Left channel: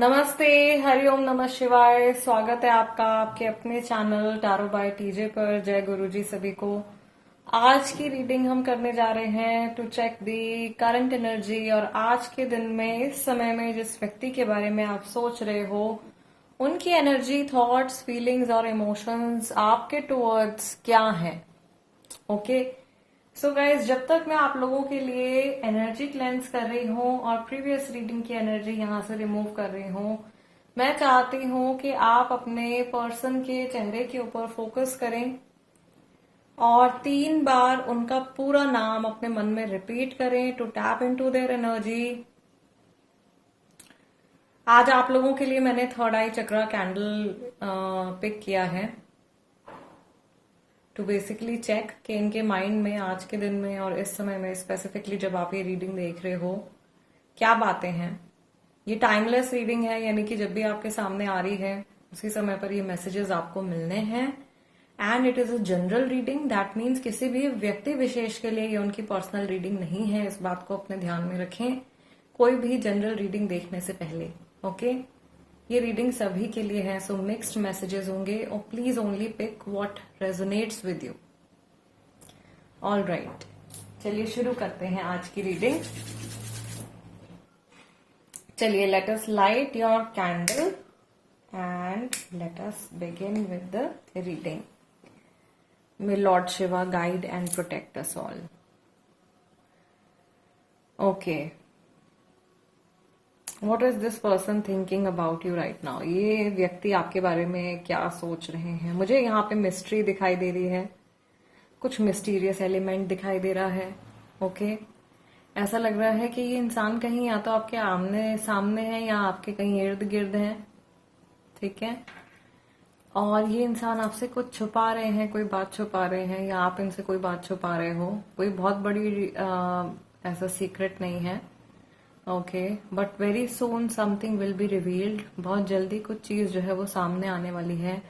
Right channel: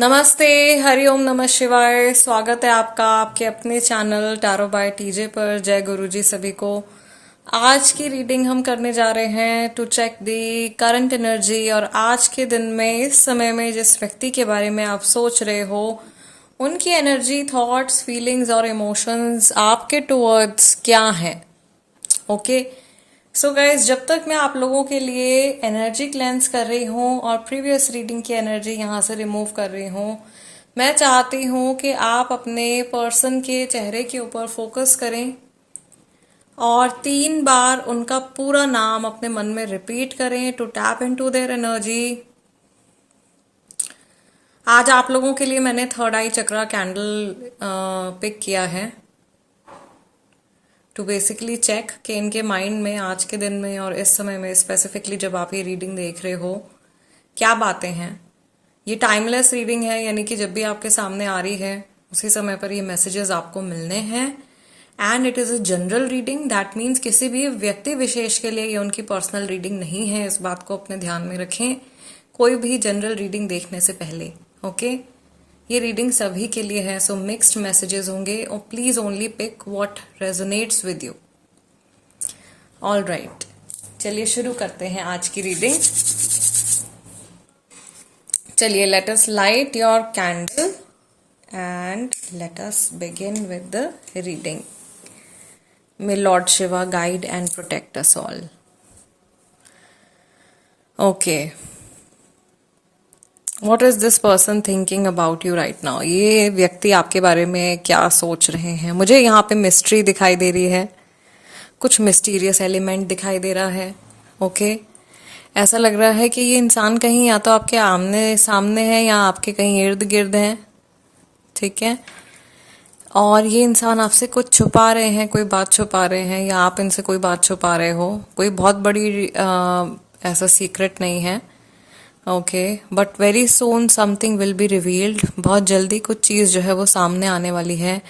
नमस्ते, हरिओम नमः शिवाय। स्वागत है आपका आपके अपने चैनल टैरो बाय टीजे पर। जय गुरुजी सभी को। आज की रीडिंग हम करने जा रहे हैं to check the current energy. और आज के दिन में इस समय में जिस व्यक्ति के बारे में आप सोच रहे हो उनकी एनर्जी, थॉट्स, फीलिंग्स और इमोशंस आपके टुवर्ड्स क्या है। ओके सो गाइज, जब तक मैं आप लोगों के लिए एनर्जी क्लेंस कर रही हूँ और प्रीवियस रीडिंग की एनर्जी यहाँ से रिमूव कर रही हूँ, मैं चाहती हूँ कि आप अपने पर्सन के चेहरे के ऊपर फोकस करें और 3 बार उनका पूरा नाम अपने मन में रिपीट करें to tap into their energy. आज आप लोगों के लिए मैंने third eye chakra candle pick किया है टू बेसिकली चेक कि इनके माइंड में आज के दिन में और इस समय में स्पेसिफिकली जब आप ये रीडिंग देख रहे हो क्या बातें हैं। ये टाइमलेस रीडिंग है, यानी कि जब भी आपके सामने आ रही है उसी समय पर ये मैसेजेस आपको मिलने हैं। And it is a general reading, that means किसी भी व्यक्ति विशेष के लिए ये उनकी पर्सनल रीडिंग नहीं है। इस बात को अपने ध्यान में रखें कोई भी जनरल रीडिंग देखने से पहले। ओके ये रीडिंग सभी के लिए है, सो मिक्स्ड मैसेजेस होंगे और please only pick what resonates with you. All right, चलिए शुरू करते हैं आज की रीडिंग। चलिए, let us light your candle and let us begin with the reading. May Lord Shiva guide and protect us all. Okay, what is this person thinking about you right now. ये व्यक्ति आपके बारे में क्या सोच रहे हैं। मुझे यहाँ पे मिस्ट्री दिखाई दे रही है, कुछ मिस्टीरियस एलिमेंट दिखाई दे रहा है। ओके ऐसा लग रहा है कि ये इंसान कहीं या तो आपके आमने सामने है या आपके कहीं इर्द गिर्द है। ठीक है, और ये इंसान आपसे कुछ छुपा रहे हैं, कोई बात छुपा रहे हैं या आप इनसे कोई बात छुपा रहे हो। कोई बहुत बड़ी ऐसा सीक्रेट नहीं है। Okay, but very soon something will be revealed. बहुत जल्दी कुछ चीज़ जो है वो सामने आने वाली है।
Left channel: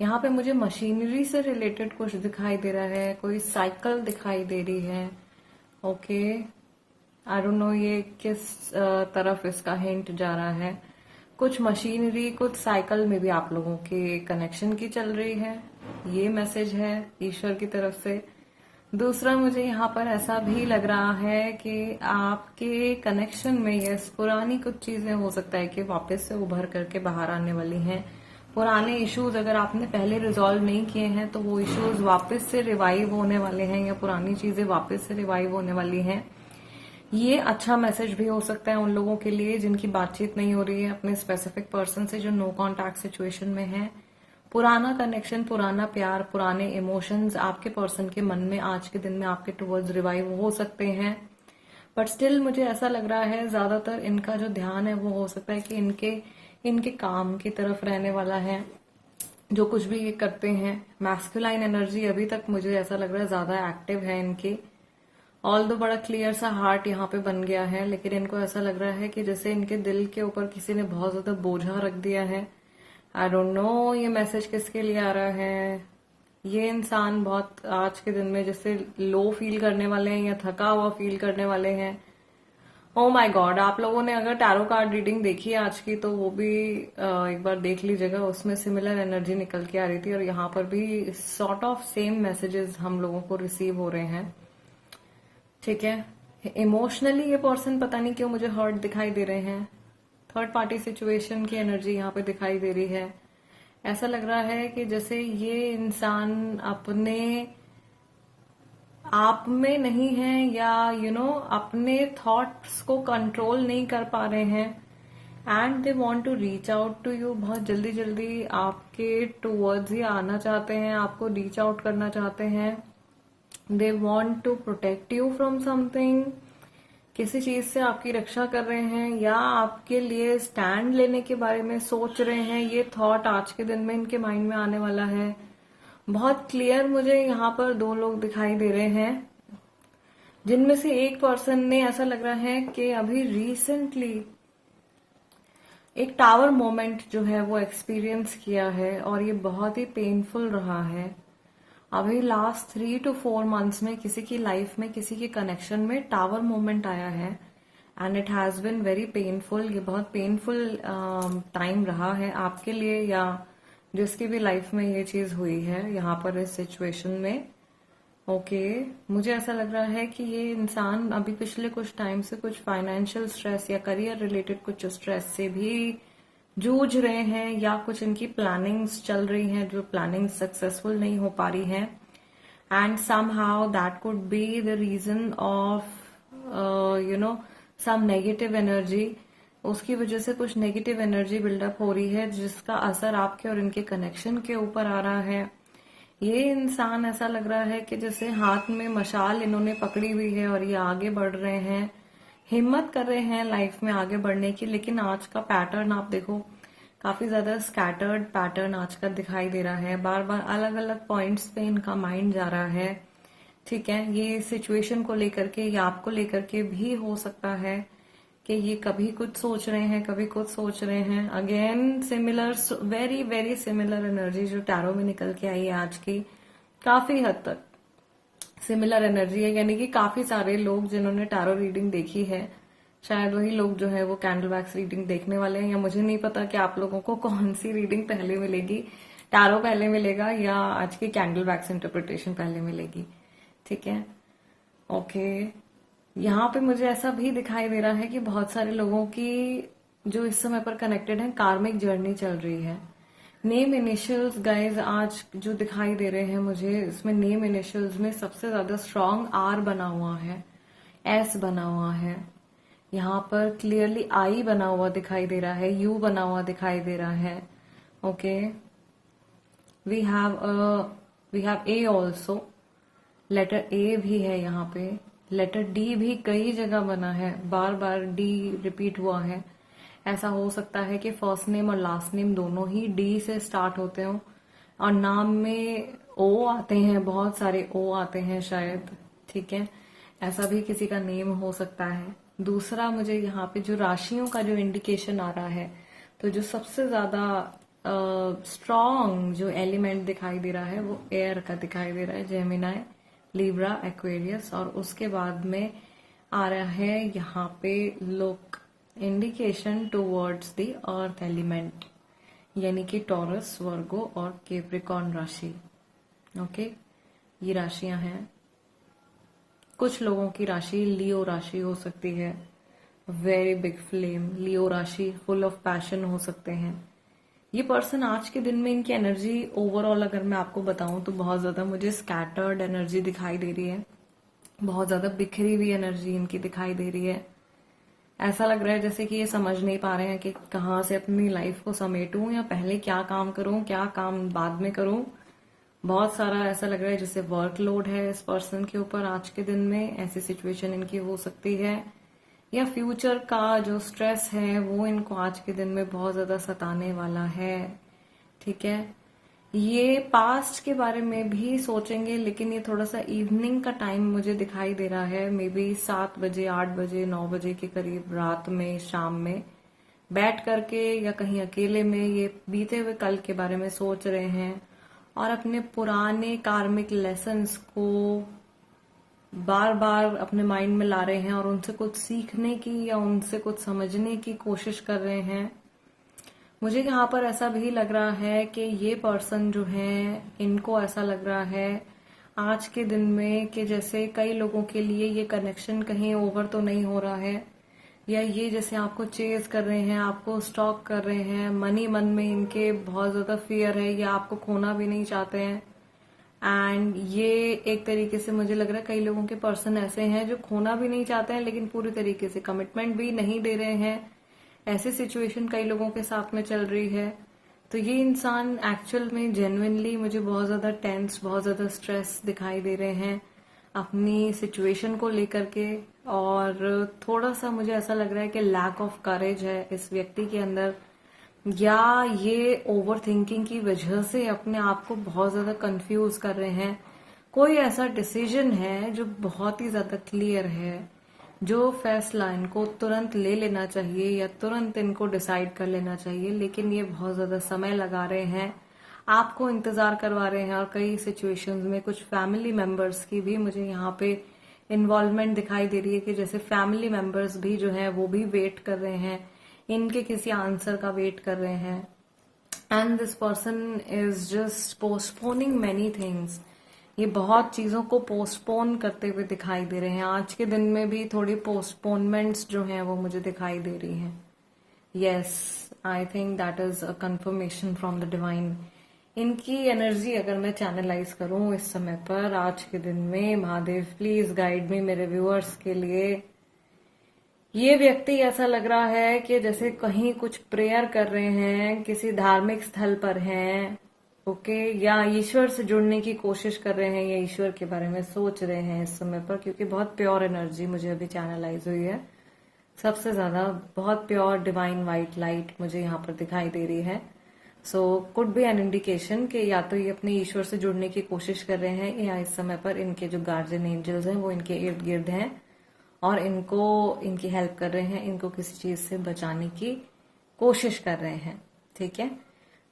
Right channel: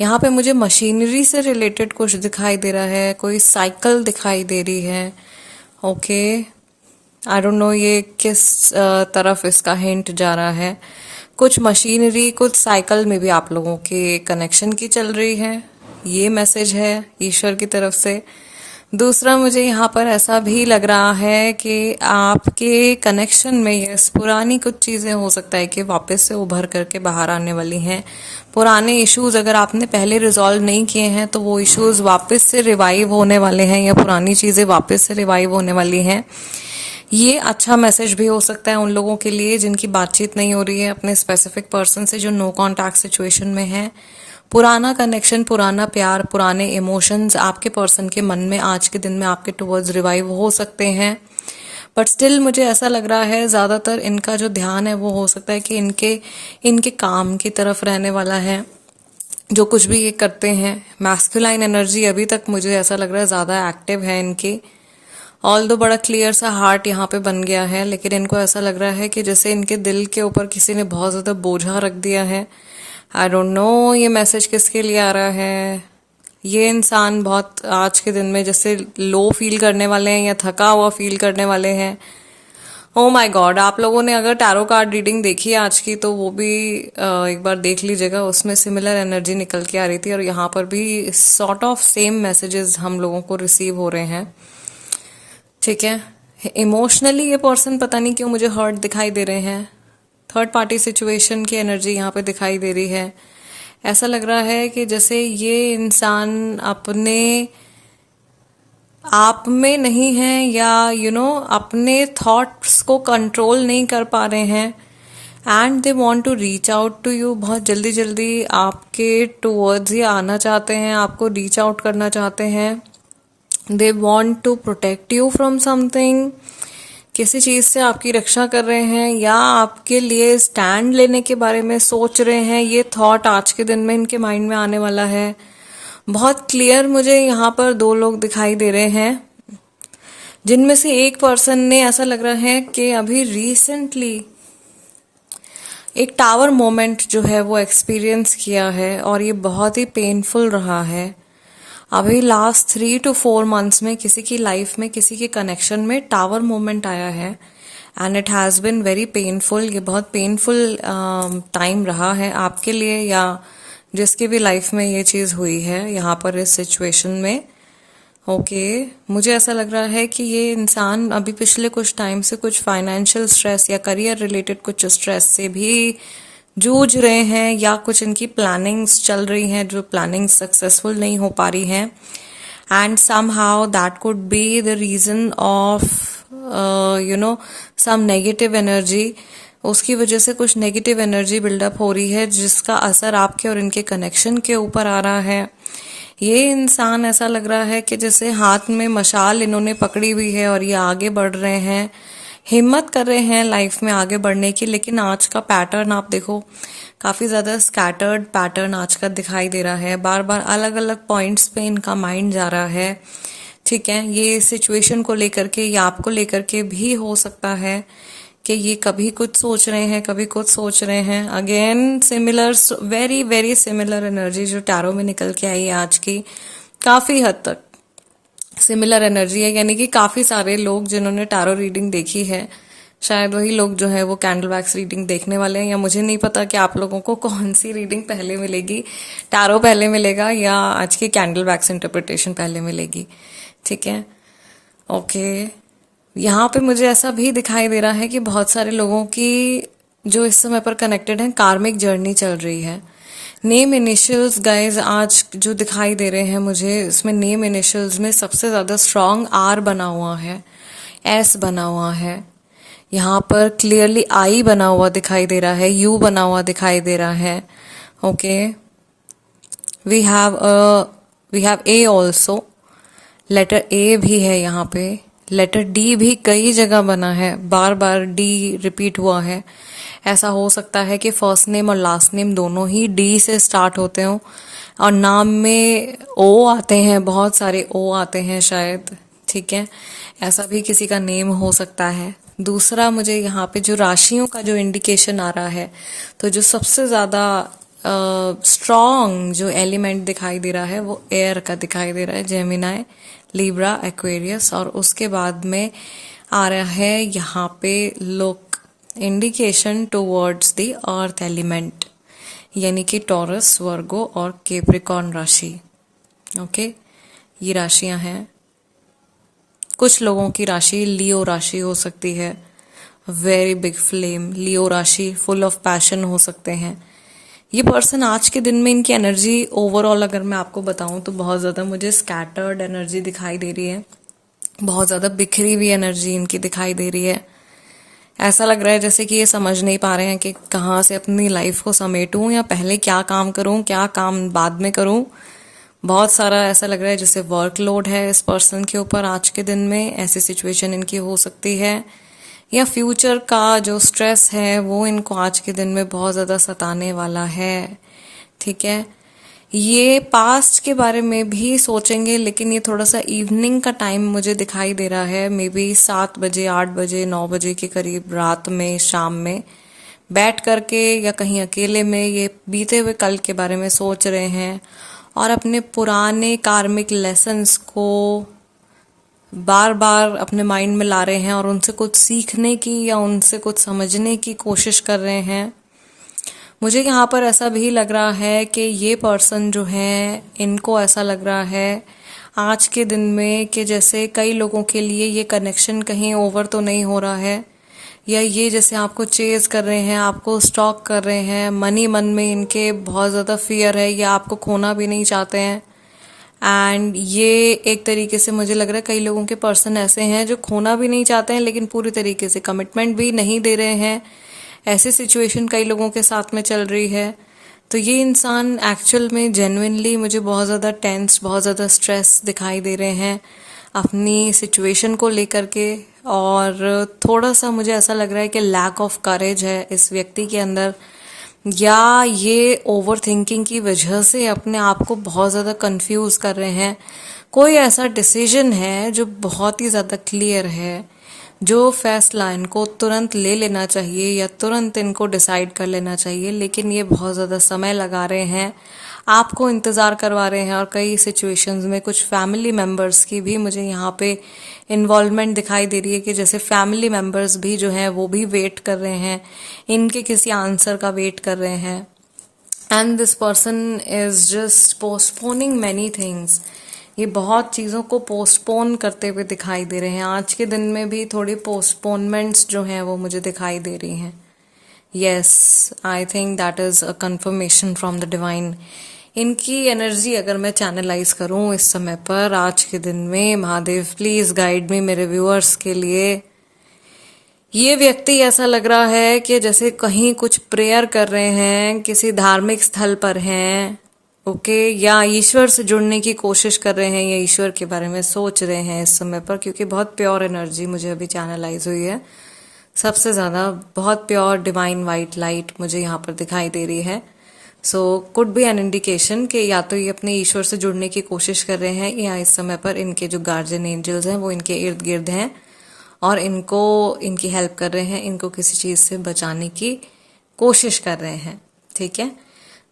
यहाँ पे मुझे मशीनरी से रिलेटेड कुछ दिखाई दे रहा है, कोई साइकिल दिखाई दे रही है। ओके आई डोंट नो ये किस तरफ इसका हिंट जा रहा है। कुछ मशीनरी, कुछ साइकिल में भी आप लोगों के कनेक्शन की चल रही है। ये मैसेज है ईश्वर की तरफ से। दूसरा, मुझे यहाँ पर ऐसा भी लग रहा है कि आपके कनेक्शन में ये पुरानी कुछ चीज़ें हो सकता है कि वापस से उभर करके बाहर आने वाली हैं। पुराने इश्यूज अगर आपने पहले रिजॉल्व नहीं किए हैं तो वो इश्यूज वापस से रिवाइव होने वाले हैं या पुरानी चीज़ें वापस से रिवाइव होने वाली हैं। ये अच्छा मैसेज भी हो सकता है उन लोगों के लिए जिनकी बातचीत नहीं हो रही है अपने स्पेसिफिक पर्सन से, जो नो कॉन्टैक्ट सिचुएशन में है। पुराना कनेक्शन, पुराना प्यार, पुराने इमोशंस आपके पर्सन के मन में आज के दिन में आपके टुवर्ड्स रिवाइव हो सकते हैं। बट स्टिल मुझे ऐसा लग रहा है ज़्यादातर इनका जो ध्यान है वो हो सकता है कि इनके काम की तरफ रहने वाला है। जो कुछ भी ये करते हैं, मैस्कुलाइन एनर्जी अभी तक मुझे ऐसा लग रहा है ज़्यादा एक्टिव है इनकी। ऑल दो बड़ा क्लियर सा हार्ट यहाँ पे बन गया है, लेकिन इनको ऐसा लग रहा है कि जैसे इनके दिल के ऊपर किसी ने बहुत ज़्यादा बोझा रख दिया है। आई डोंट नो ये मैसेज किसके लिए आ रहा है। ये इंसान बहुत आज के दिन में जैसे लो फील करने वाले हैं या थका हुआ फील करने वाले हैं। ओ माय गॉड, आप लोगों ने अगर टैरो कार्ड रीडिंग देखी है आज की तो वो भी एक बार देख लीजिएगा। उसमें सिमिलर एनर्जी निकल के आ रही थी और यहाँ पर भी सॉर्ट ऑफ सेम मैसेजेस हम लोगों को रिसीव हो रहे हैं। ठीक है, इमोशनली ये पर्सन पता नहीं क्यों मुझे हर्ट दिखाई दे रहे हैं। थर्ड पार्टी सिचुएशन की एनर्जी यहाँ पे दिखाई दे रही है। ऐसा लग रहा है कि जैसे ये इंसान अपने आप में नहीं है या अपने थॉट्स को कंट्रोल नहीं कर पा रहे हैं and they want to reach out to you. बहुत जल्दी जल्दी आपके टुवर्ड्स ये आना चाहते हैं, आपको रीच आउट करना चाहते हैं। They want to protect you from something, किसी चीज़ से आपकी रक्षा कर रहे हैं या आपके लिए स्टैंड लेने के बारे में सोच रहे हैं। ये थॉट आज के दिन में इनके माइंड में आने वाला है। बहुत क्लियर मुझे यहाँ पर 2 लोग दिखाई दे रहे हैं, जिनमें से एक पर्सन ने ऐसा लग रहा है कि अभी रिसेंटली एक टावर मोमेंट जो है वो एक्सपीरियंस किया है और ये बहुत ही पेनफुल रहा है। अभी लास्ट 3 to 4 मंथ्स में किसी की लाइफ में, किसी के कनेक्शन में टावर मोमेंट आया है and it has been very painful. ये बहुत पेनफुल टाइम रहा है आपके लिए या जिसकी भी लाइफ में ये चीज़ हुई है यहाँ पर इस सिचुएशन में। ओके मुझे ऐसा लग रहा है कि ये इंसान अभी पिछले कुछ टाइम से कुछ फाइनेंशियल स्ट्रेस या करियर रिलेटेड कुछ स्ट्रेस से भी जूझ रहे हैं, या कुछ इनकी प्लानिंग्स चल रही हैं जो प्लानिंग्स सक्सेसफुल नहीं हो पा रही हैं, and somehow that could be the reason of some negative energy। उसकी वजह से कुछ नेगेटिव एनर्जी बिल्डअप हो रही है जिसका असर आपके और इनके कनेक्शन के ऊपर आ रहा है। ये इंसान ऐसा लग रहा है कि जैसे हाथ में मशाल इन्होंने पकड़ी हुई है और ये आगे बढ़ रहे हैं, हिम्मत कर रहे हैं लाइफ में आगे बढ़ने की। लेकिन आज का पैटर्न आप देखो, काफ़ी ज़्यादा स्कैटर्ड पैटर्न आज का दिखाई दे रहा है। बार बार अलग अलग पॉइंट्स पे इनका माइंड जा रहा है। ठीक है, ये सिचुएशन को लेकर के या आपको लेकर के भी हो सकता है कि ये कभी कुछ सोच रहे हैं, कभी कुछ सोच रहे हैं। Again similar, very very similar energy जो टैरो में निकल के आई है आज की, काफ़ी हद तक सिमिलर एनर्जी है। यानी कि काफ़ी सारे लोग जिन्होंने टैरो रीडिंग देखी है, शायद वही लोग जो है वो कैंडल वैक्स रीडिंग देखने वाले हैं, या मुझे नहीं पता कि आप लोगों को कौन सी रीडिंग पहले मिलेगी, टैरो पहले मिलेगा या आज की कैंडल वैक्स इंटरप्रिटेशन पहले मिलेगी। ठीक है, ओके। यहाँ पे मुझे ऐसा भी दिखाई दे रहा है कि बहुत सारे लोगों की जो इस समय पर कनेक्टेड हैं, कार्मिक जर्नी चल रही है। नेम इनिशियल्स गाइज आज जो दिखाई दे रहे हैं मुझे, इसमें नेम इनिशियल्स में सबसे ज़्यादा स्ट्रॉन्ग आर बना हुआ है, एस बना हुआ है, यहाँ पर क्लियरली आई बना हुआ दिखाई दे रहा है, यू बना हुआ दिखाई दे रहा है। Okay, we have a also, letter A भी है यहाँ पे, लेटर डी भी कई जगह बना है, बार बार डी रिपीट हुआ है। ऐसा हो सकता है कि फर्स्ट नेम और लास्ट नेम दोनों ही डी से स्टार्ट होते हों, और नाम में ओ आते हैं, बहुत सारे ओ आते हैं शायद। ठीक है, ऐसा भी किसी का नेम हो सकता है। दूसरा, मुझे यहाँ पे जो राशियों का जो इंडिकेशन आ रहा है, तो जो सबसे ज़्यादा स्ट्रॉन्ग जो एलिमेंट दिखाई दे रहा है वो एयर का दिखाई दे रहा है, जेमिनाई, लिब्रा, एक्वेरियस, और उसके बाद में आ रहा है यहाँ पे look indication towards the earth element, यानी कि टॉरस, वर्गो और कैप्रिकॉर्न राशि। ओके, ये राशियां हैं। कुछ लोगों की राशि लियो राशि हो सकती है, वेरी बिग फ्लेम, लियो राशि, फुल ऑफ पैशन हो सकते हैं। ये पर्सन आज के दिन में इनकी एनर्जी ओवरऑल अगर मैं आपको बताऊं तो बहुत ज़्यादा मुझे स्कैटर्ड एनर्जी दिखाई दे रही है, बहुत ज़्यादा बिखरी हुई एनर्जी इनकी दिखाई दे रही है। ऐसा लग रहा है जैसे कि ये समझ नहीं पा रहे हैं कि कहाँ से अपनी लाइफ को समेटूं, या पहले क्या काम करूं, क्या काम बाद में करूं। बहुत सारा ऐसा लग रहा है जैसे वर्कलोड है इस पर्सन के ऊपर आज के दिन में, ऐसी सिचुएशन इनकी हो सकती है। या फ्यूचर का जो स्ट्रेस है वो इनको आज के दिन में बहुत ज़्यादा सताने वाला है। ठीक है, ये पास्ट के बारे में भी सोचेंगे, लेकिन ये थोड़ा सा इवनिंग का टाइम मुझे दिखाई दे रहा है, मे बी 7 बजे, 8 बजे, 9 बजे के करीब रात में, शाम में बैठ करके या कहीं अकेले में ये बीते हुए कल के बारे में सोच रहे हैं और अपने पुराने कार्मिक लेसन्स को बार बार अपने माइंड में ला रहे हैं और उनसे कुछ सीखने की या उनसे कुछ समझने की कोशिश कर रहे हैं। मुझे यहाँ पर ऐसा भी लग रहा है कि ये पर्सन जो है, इनको ऐसा लग रहा है आज के दिन में कि जैसे कई लोगों के लिए ये कनेक्शन कहीं ओवर तो नहीं हो रहा है, या ये जैसे आपको चेज कर रहे हैं, आपको स्टॉक कर रहे हैं, मन में इनके बहुत ज़्यादा फियर है, या आपको खोना भी नहीं चाहते हैं। एंड ये एक तरीके से मुझे लग रहा है कई लोगों के पर्सन ऐसे हैं जो खोना भी नहीं चाहते हैं लेकिन पूरी तरीके से कमिटमेंट भी नहीं दे रहे हैं। ऐसी सिचुएशन कई लोगों के साथ में चल रही है। तो ये इंसान एक्चुअल में जेन्युइनली मुझे बहुत ज़्यादा टेंस, बहुत ज़्यादा स्ट्रेस दिखाई दे रहे हैं अपनी सिचुएशन को लेकर के, और थोड़ा सा मुझे ऐसा लग रहा है कि लैक ऑफ करेज है इस व्यक्ति के अंदर, या ये ओवर थिंकिंग की वजह से अपने आप को बहुत ज़्यादा कंफ्यूज कर रहे हैं। कोई ऐसा डिसीजन है जो बहुत ही ज़्यादा क्लियर है, जो फैसला इनको तुरंत ले लेना चाहिए या तुरंत इनको डिसाइड कर लेना चाहिए, लेकिन ये बहुत ज़्यादा समय लगा रहे हैं आपको इंतज़ार करवा रहे हैं, और कई सिचुएशंस में कुछ फैमिली मेम्बर्स की भी मुझे यहाँ पे इन्वॉल्वमेंट दिखाई दे रही है कि जैसे फैमिली मेम्बर्स भी जो हैं वो भी वेट कर रहे हैं, इनके किसी आंसर का वेट कर रहे हैं। And this person is just postponing many things. ये बहुत चीज़ों को पोस्टपोन करते हुए दिखाई दे रहे हैं। आज के दिन में भी थोड़ी पोस्टपोनमेंट्स जो हैं वो मुझे दिखाई दे रही हैं। Yes, I think that is a confirmation from the divine. इनकी एनर्जी अगर मैं चैनलाइज करूं इस समय पर, आज के दिन में, महादेव प्लीज गाइड मी मेरे व्यूअर्स के लिए। ये व्यक्ति ऐसा लग रहा है कि जैसे कहीं कुछ प्रेयर कर रहे हैं, किसी धार्मिक स्थल पर हैं, ओके, या ईश्वर से जुड़ने की कोशिश कर रहे हैं, या ईश्वर के बारे में सोच रहे हैं इस समय पर, क्योंकि बहुत प्योर एनर्जी मुझे अभी चैनलाइज हुई है। सबसे ज़्यादा बहुत प्योर डिवाइन वाइट लाइट मुझे यहाँ पर दिखाई दे रही है। So could be an indication कि या तो ये अपने ईश्वर से जुड़ने की कोशिश कर रहे हैं, या इस समय पर इनके जो गार्जियन एंजल्स हैं वो इनके इर्द गिर्द हैं और इनको इनकी हेल्प कर रहे हैं, इनको किसी चीज़ से बचाने की कोशिश कर रहे हैं। ठीक है।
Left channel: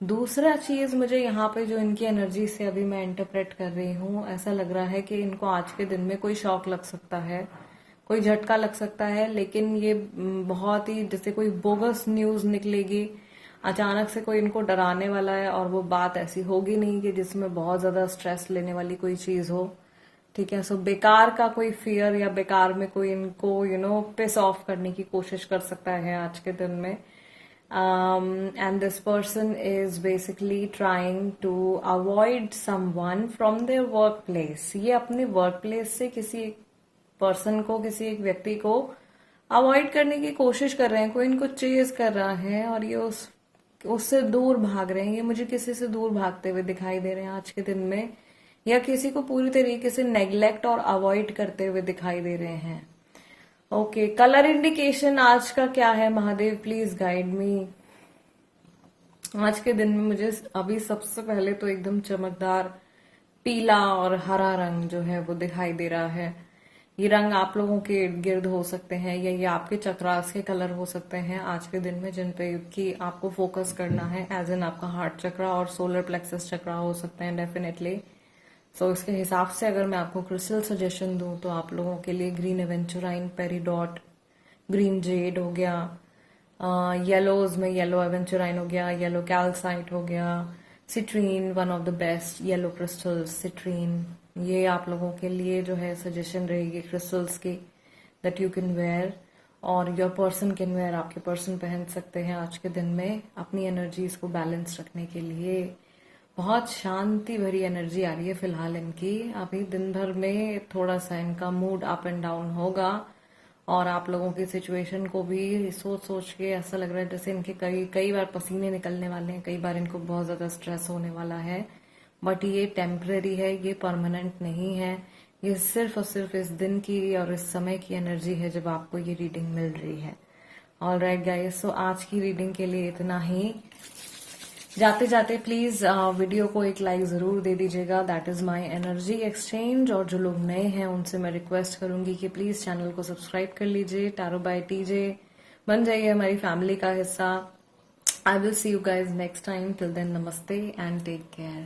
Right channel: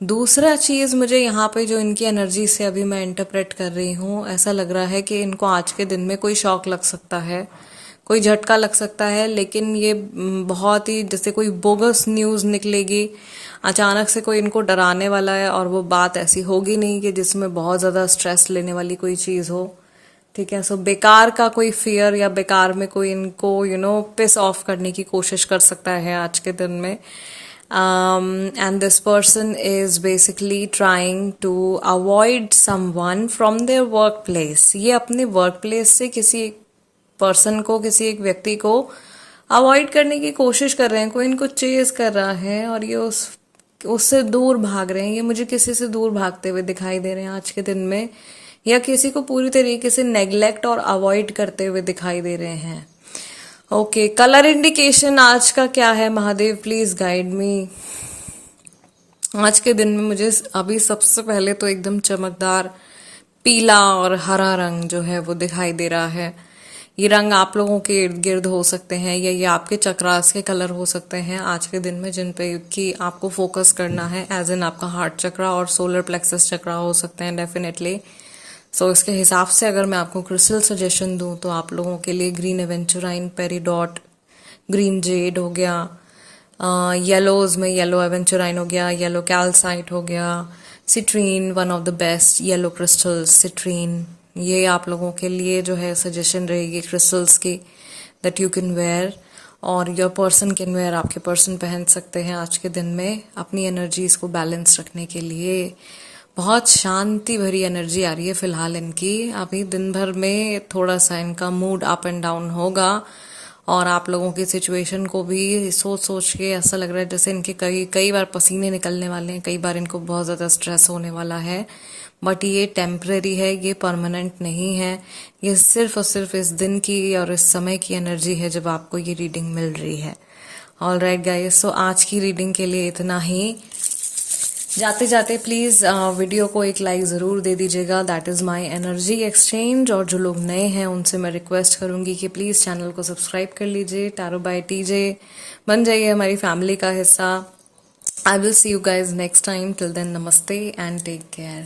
दूसरा चीज़ मुझे यहाँ पे जो इनकी एनर्जी से अभी मैं इंटरप्रेट कर रही हूँ, ऐसा लग रहा है कि इनको आज के दिन में कोई शॉक लग सकता है, कोई झटका लग सकता है, लेकिन ये बहुत ही जैसे कोई बोगस न्यूज़ निकलेगी, अचानक से कोई इनको डराने वाला है, और वो बात ऐसी होगी नहीं कि जिसमें बहुत ज़्यादा स्ट्रेस लेने वाली कोई चीज़ हो। ठीक है। सो बेकार का कोई फियर या बेकार में कोई इनको पिस ऑफ करने की कोशिश कर सकता है आज के दिन में। And this person is basically trying to avoid someone from their work place. ये अपने वर्क प्लेस से किसी पर्सन को, किसी एक व्यक्ति को अवॉइड करने की कोशिश कर रहे हैं, कोई इनको चेज कर रहा है और ये उससे दूर भाग रहे हैं। ये मुझे किसी से दूर भागते हुए दिखाई दे रहे हैं आज के दिन में, या किसी को पूरी तरीके से नेग्लेक्ट और अवॉइड करते हुए दिखाई दे रहे हैं। ओके, कलर इंडिकेशन आज का क्या है महादेव, प्लीज गाइड मी। आज के दिन में मुझे अभी सबसे पहले तो एकदम चमकदार पीला और हरा रंग जो है वो दिखाई दे रहा है। ये रंग आप लोगों के इर्द गिर्द हो सकते हैं, या ये आपके चक्रास के कलर हो सकते हैं आज के दिन में, जिन पे कि आपको फोकस करना है, एज इन आपका हार्ट चक्रा और सोलर प्लेक्सस चक्रा हो सकते हैं डेफिनेटली। सो इसके हिसाब से अगर मैं आपको क्रिस्टल सजेशन दूं तो आप लोगों के लिए ग्रीन एवेंचुराइन, पेरीडॉट, ग्रीन जेड हो गया, येलोज में येलो एवेंचुराइन हो गया, येलो कैल्साइट हो गया, citrine, one of the best yellow crystals citrine. ये आप लोगों के लिए जो है सजेशन रहेगी क्रिस्टल्स की, दैट यू कैन वेयर, और योर पर्सन कैन वेयर, आपके पर्सन पहन सकते हैं आज के दिन में अपनी एनर्जीज को बैलेंस रखने के लिए। बहुत शांति भरी एनर्जी आ रही है फिलहाल इनकी। अभी दिन भर में थोड़ा सा इनका मूड अप एंड डाउन होगा, और आप लोगों की सिचुएशन को भी सोच सोच के ऐसा लग रहा है जैसे इनके कई बार पसीने निकलने वाले हैं, कई बार इनको बहुत ज़्यादा स्ट्रेस होने वाला है। बट ये टेम्परेरी है, ये परमानेंट नहीं है। ये सिर्फ और सिर्फ इस दिन की और इस समय की एनर्जी है जब आपको ये रीडिंग मिल रही है। ऑल राइट गाइस, सो आज की रीडिंग के लिए इतना ही। जाते जाते प्लीज़ वीडियो को एक लाइक ज़रूर दे दीजिएगा, that is my energy exchange. और जो लोग नए हैं उनसे मैं रिक्वेस्ट करूंगी कि प्लीज़ चैनल को सब्सक्राइब कर लीजिए, टैरो बाय टीजे बन जाइए हमारी फैमिली का हिस्सा। I will see you guys next time, till then नमस्ते एंड टेक केयर।